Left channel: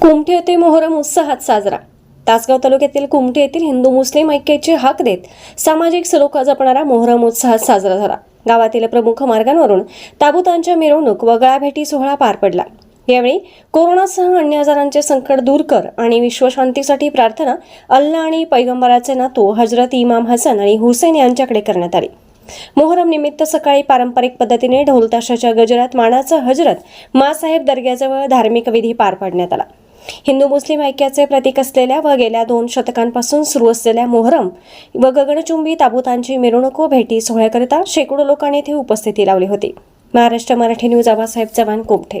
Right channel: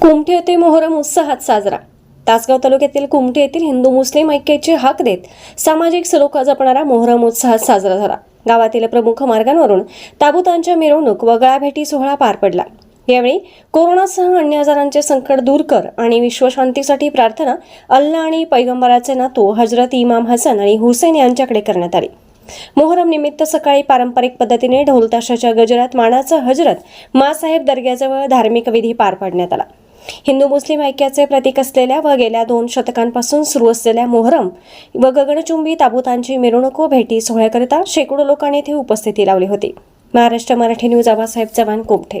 कुमठे येथे मोहरम उत्साहात साजरा. तासगाव तालुक्यातील कुमठे येथील हिंदू मुस्लिम ऐक्याचे हाक देत सामाजिक सलोखा जपणारा मोहरम उत्साहात साजरा झाला. गावातील प्रमुख मार्गांवरून ताबूतांच्या मिरवणूक व गळाभेटी सोहळा पार पडला. यावेळी कोरोनासह अन्य आजारांचे संकट दूर कर आणि विश्वशांतीसाठी प्रार्थना अल्ला आणि पैगंबराचे नातू हजरत इमाम हसन आणि हुसेन यांच्याकडे करण्यात आली. मोहरम निमित्त सकाळी पारंपरिक पद्धतीने ढोलताशाच्या गजरात मानाचा हजरत मासाहेब दर्ग्याजवळ धार्मिक विधी पार पाडण्यात आला. हिंदू मुस्लिम ऐक्याचे प्रतीक असलेल्या व गेल्या दोन शतकांपासून सुरू असलेल्या मोहरम व गगनचुंबी ताबुतांची मिरवणुको भेटी सोहळ्याकरिता शेकडो लोकांनी येथे उपस्थिती लावली होती. महाराष्ट्र मराठी न्यूज आबासाहेब चव्हाण कोमठे